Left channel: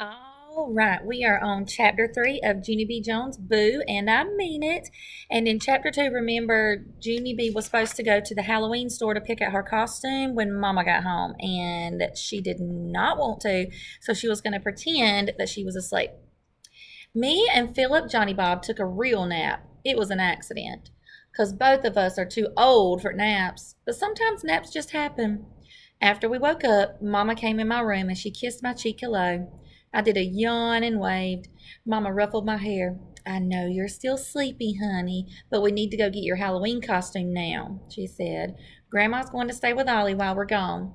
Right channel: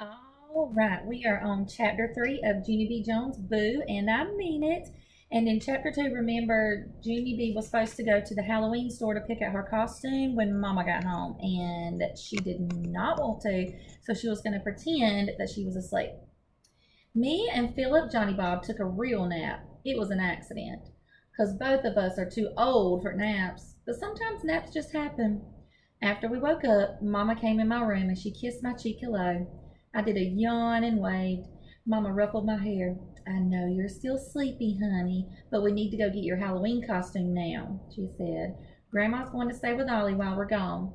All right, we are on chapter 3 of Junie B. Jones' Boo, and I mean it. And in chapter 2, remember, Junie B was supposed to go to the Halloween store to pick out her costume when Mama got home, and she did not want to, so she was going to pretend that she was asleep. Me and Philip Johnny Bob took a real nap. It was an accident, because both of us are too old for naps, but sometimes naps just happen. After we woke up, Mama came in my room and she kissed my cheek hello. I did a yawn and waved. Mama ruffled my hair. I know you're still sleepy, honey, but we need to go get your Halloween costume now, she said. Grandma's going to stay with Ollie while we're gone.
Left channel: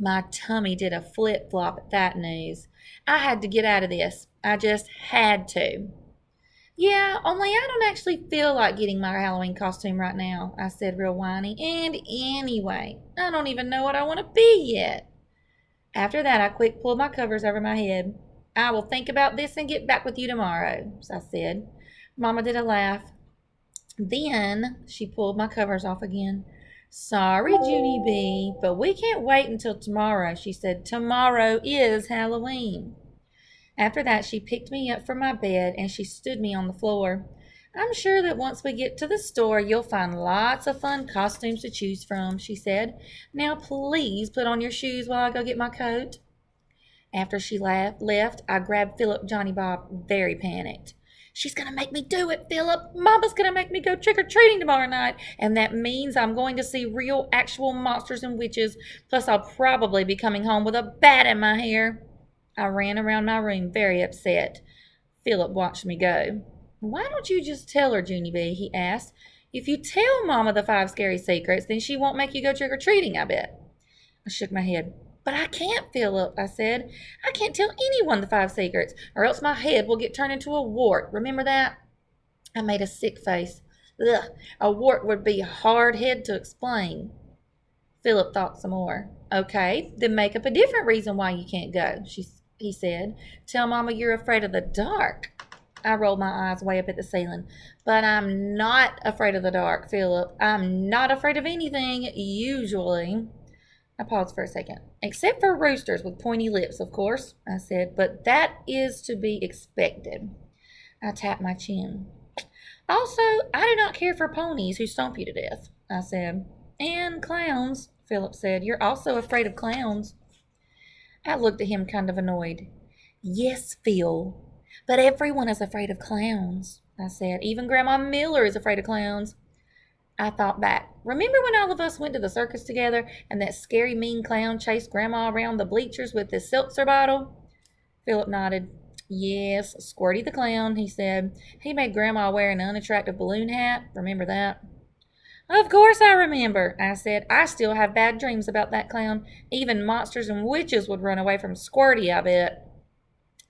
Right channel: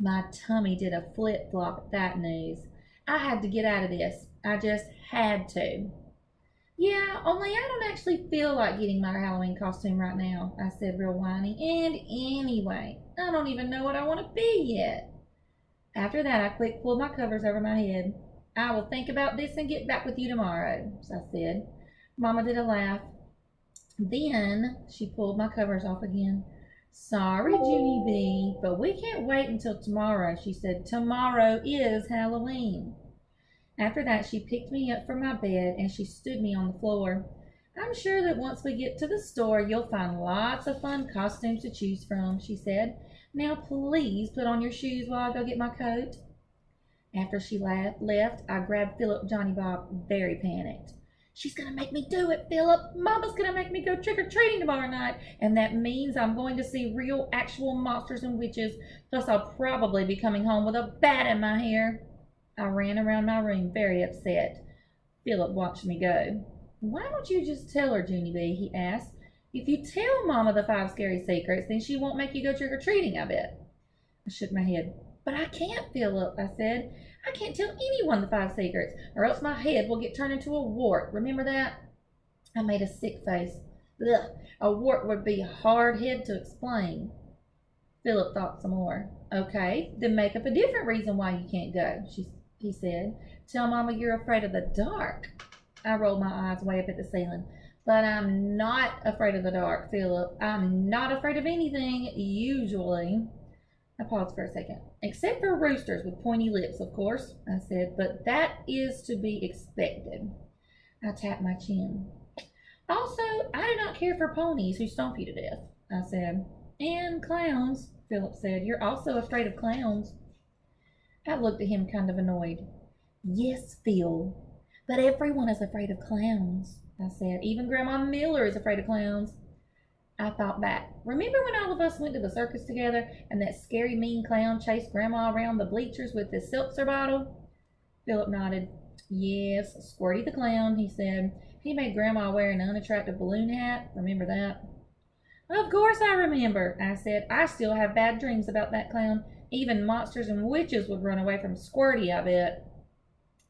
My tummy did a flip flop at that news. I had to get out of this. I just had to. Yeah, only I don't actually feel like getting my Halloween costume right now, I said real whiny. And anyway, I don't even know what I want to be yet. After that, I quick pulled my covers over my head. I will think about this and get back with you tomorrow, I said. Mama did a laugh. Then she pulled my covers off again. Sorry, Junie B, but we can't wait until tomorrow, she said. Tomorrow is Halloween. After that, she picked me up from my bed and she stood me on the floor. I'm sure that once we get to the store, you'll find lots of fun costumes to choose from, she said. Now, please put on your shoes while I go get my coat. After she left, I grabbed Philip Johnny Bob, very panicked. She's going to make me do it, Philip. Mama's going to make me go trick or treating tomorrow night. And that means I'm going to see real, actual monsters and witches. Plus, I'll probably be coming home with a bat in my hair. I ran around my room very upset. Philip watched me go. Why don't you just tell her, Junie B? He asked. If you tell Mama the 5 scary secrets, then she won't make you go trick or treating, I bet. I shook my head. But I can't, Philip, I said. I can't tell anyone the 5 secrets, or else my head will get turned into a wart. Remember that? I made a sick face. Ugh, a wart would be a hard head to explain. Philip thought some more. Okay, then make up a different reason why you can't go, he said. Tell Mama you're afraid of the dark. I rolled my eyes way up at the ceiling. But I'm not afraid of the dark, Philip. I'm not afraid of anything, usually. I paused for a second. Except for roosters with pointy lips, of course, I said, but that is to be expected. I tapped my chin. Also, I do not care for ponies who stomp you to death, I said. And clowns, Philip said. You're also afraid of clowns. I looked at him kind of annoyed. Yes, Phil, but everyone is afraid of clowns, I said. Even Grandma Miller is afraid of clowns. I thought back. Remember when all of us went to the circus together and that scary mean clown chased Grandma around the bleachers with his seltzer bottle? Philip nodded. Yes, Squirty the clown, he said. He made Grandma wear an unattractive balloon hat. Remember that? Of course I remember, I said. I still have bad dreams about that clown. Even monsters and witches would run away from Squirty, I bet.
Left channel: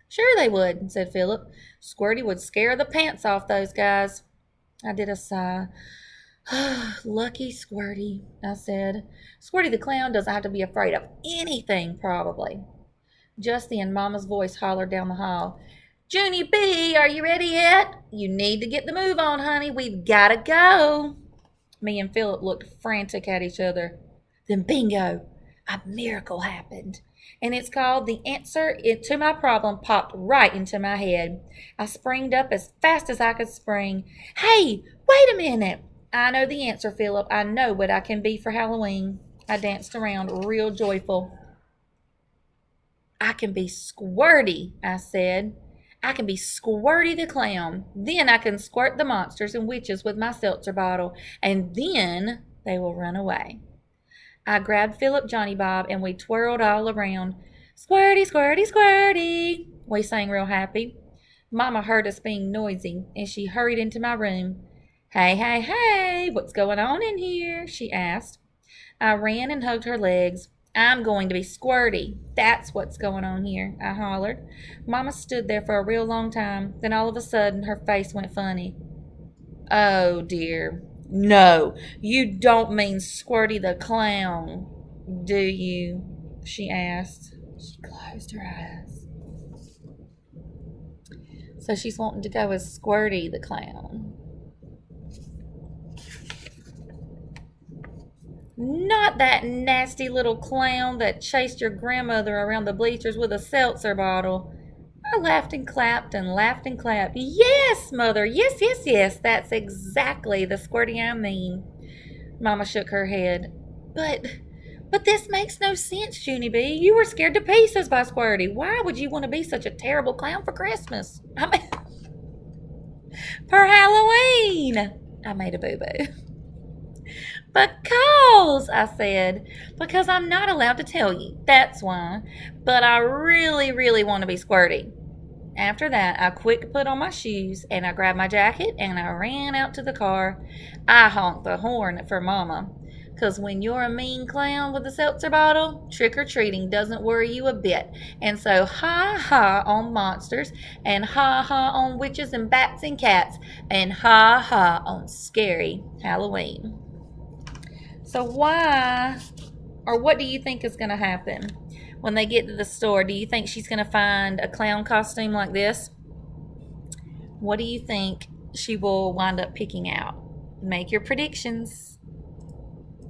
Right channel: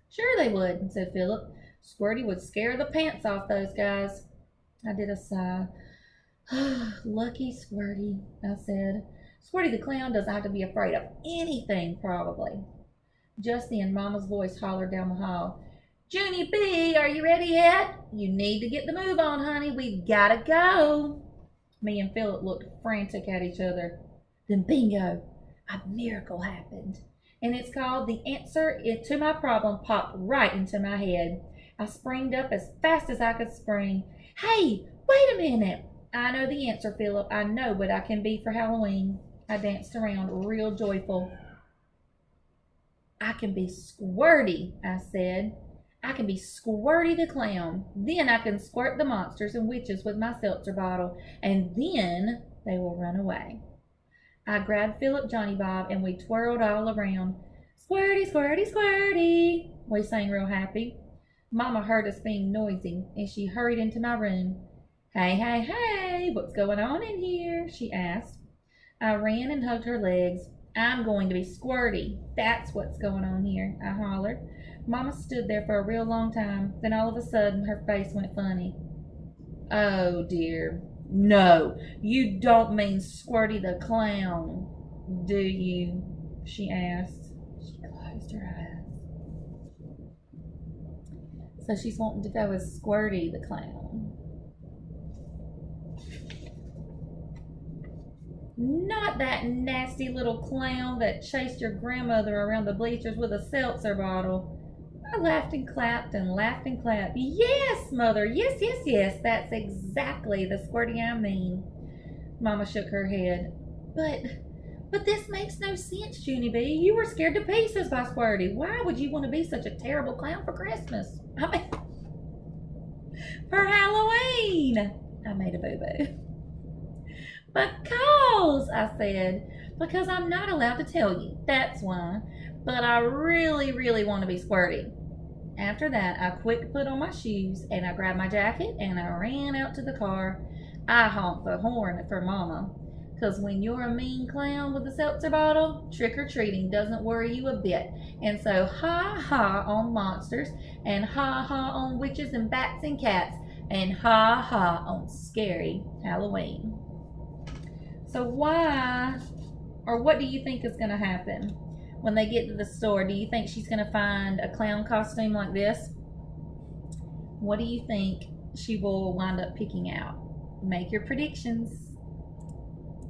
Sure they would, said Philip. Squirty would scare the pants off those guys. I did a sigh. Lucky Squirty, I said. Squirty the clown doesn't have to be afraid of anything, probably. Just then, Mama's voice hollered down the hall. Junie B, are you ready yet? You need to get the move on, honey. We've got to go. Me and Philip looked frantic at each other. Then bingo, a miracle happened. And it's called the answer to my problem popped right into my head. I springed up as fast as I could spring. Hey, wait a minute. I know the answer, Philip. I know what I can be for Halloween. I danced around real joyful. I can be Squirty, I said. I can be Squirty the clown. Then I can squirt the monsters and witches with my seltzer bottle, and then they will run away. I grabbed Philip Johnny Bob and we twirled all around. Squirty, squirty, squirty, we sang real happy. Mama heard us being noisy and she hurried into my room. Hey, hey, hey, what's going on in here? She asked. I ran and hugged her legs. I'm going to be Squirty. That's what's going on here, I hollered. Mama stood there for a real long time. Then all of a sudden, her face went funny. Oh, dear. No, you don't mean Squirty the clown, do you? She asked. She closed her eyes. So she's wanting to go as Squirty the clown. Not that nasty little clown that chased your grandmother around the bleachers with a seltzer bottle. I laughed and clapped and laughed and clapped. Yes, Mother, yes, yes, yes, that's exactly the squirty I mean. Mama shook her head. But this makes no sense, Junie B. You were scared to pieces by Squirty. Why would you want to be such a terrible clown for Christmas? I mean, for Halloween. I made a boo-boo. Because, I said, because I'm not allowed to tell you. That's why. But I really, really want to be Squirty. After that, I quick put on my shoes and I grabbed my jacket and I ran out to the car. I honked the horn for Mama. 'Cause when you're a mean clown with a seltzer bottle, trick-or-treating doesn't worry you a bit. And so ha-ha on monsters, and ha-ha on witches and bats and cats, and ha-ha on scary Halloween. So why, or what do you think is going to happen when they get to the store? Do you think she's going to find a clown costume like this? What do you think she will wind up picking out? Make your predictions.